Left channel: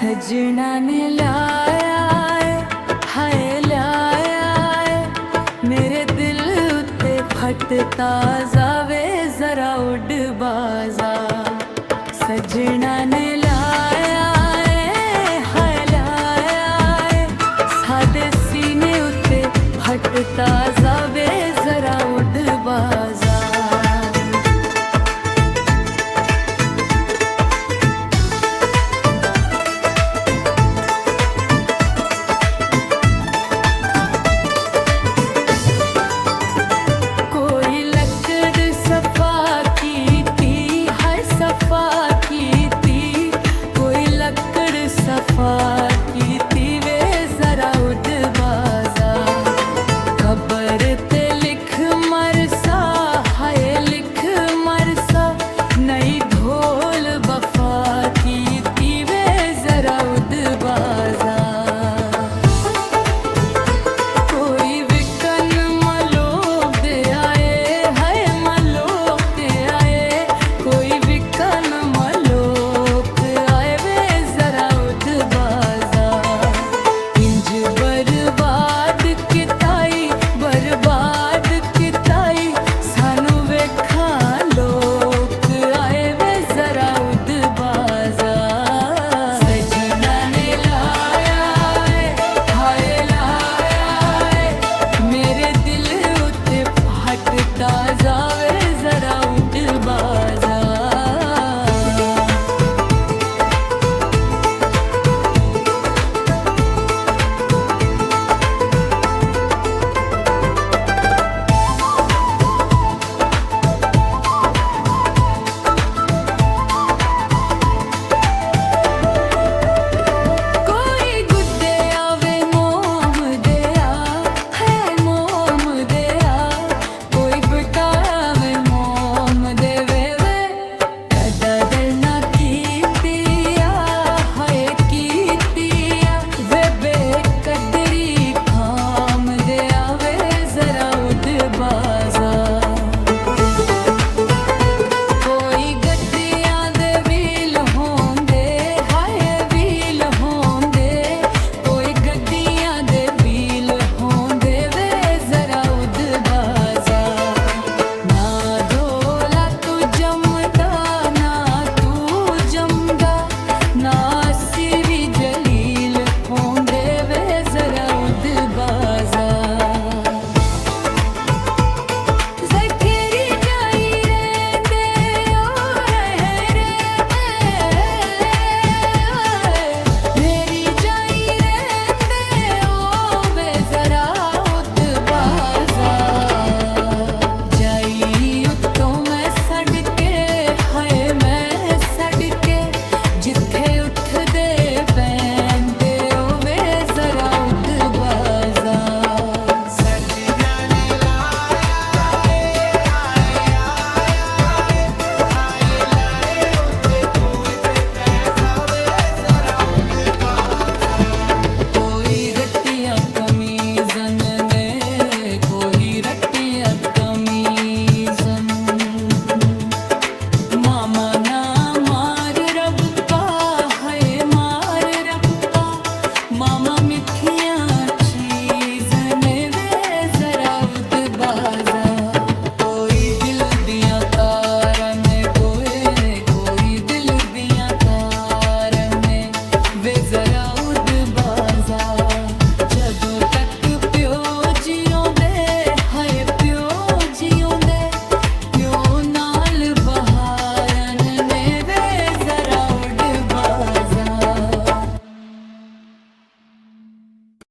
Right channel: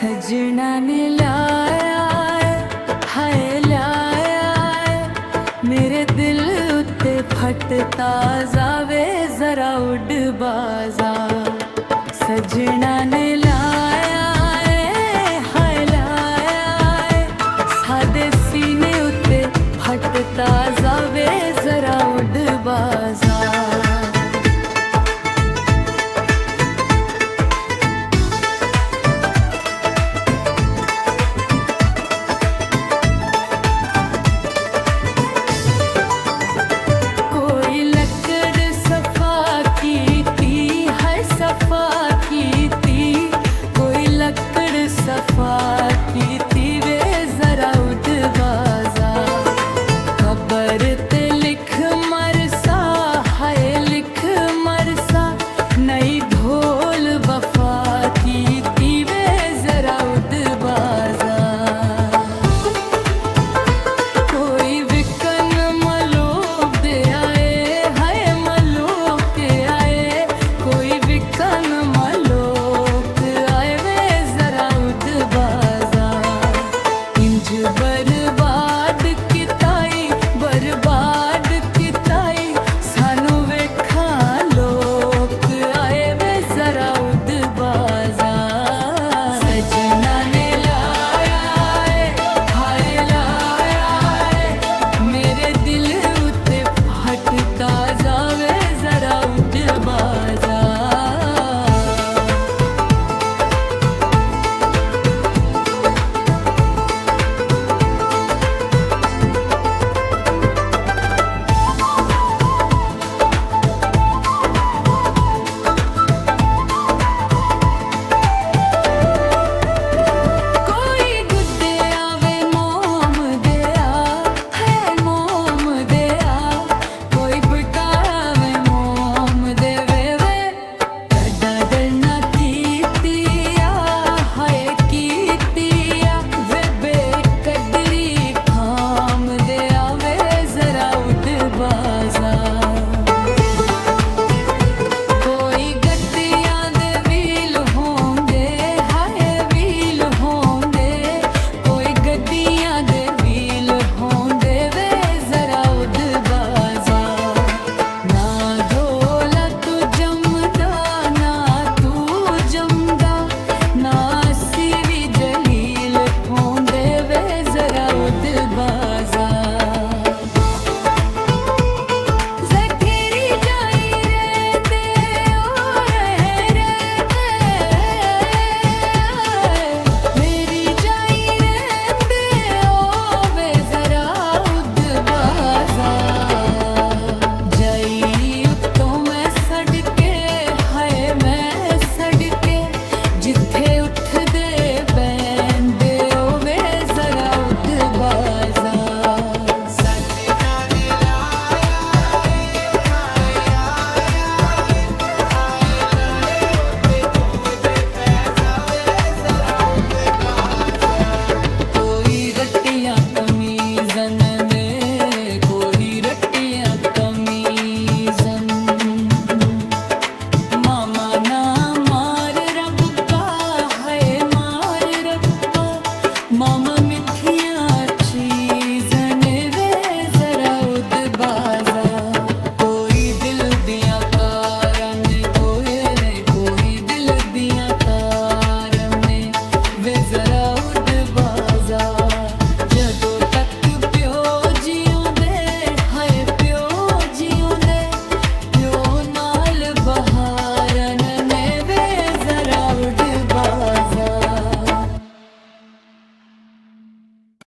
सजना ने लाया है हाय लाया है मेरे दिल उत्ते फटता जावे जरा उड़ बाजा। सजना ने लाया है हाय लाया है सादे सीने उत्ते फटता जावे जरा उड़ बाजा। सफा कीती कोई लकड़ सफा कीती वे जरा उड़ बाजा। खबर ते लिख मरसा हाय लिख मरसा नई ढोल वफा कीती वे जरा उड़ बाजा। कोई विकन मलोक दे आए हाय मलोक दे आए कोई विकन मलोक आए वे जरा उड़ बाजा। इंज बर्बाद किताई सानू वेखा लोक आए वे जरा उड़ बाजा। सजना ने लाया है हाय लाया है मेरे दिल उत्ते फटता जावे जरा उड़ बाजा। कोई गड्डियां दे व्हील होंदे हाय व्हील होंदे कोई गड्डियां दे व्हील होंदे वे जरा उड़ बाजा। ना ढोला तू जमदा ना तू जमदा ना असी भी जलील होंदे वे जरा उड़ बाजा। जिथे उठदे पैंदे ओवे जरा उड़ बाजा। सजना ने लाया है हाय लाए उत्ते तू पै जावे जरा उड़ बाजा। कोई रट्टियां कमीजन ने कोई रट्टियां कमीजन मामा ना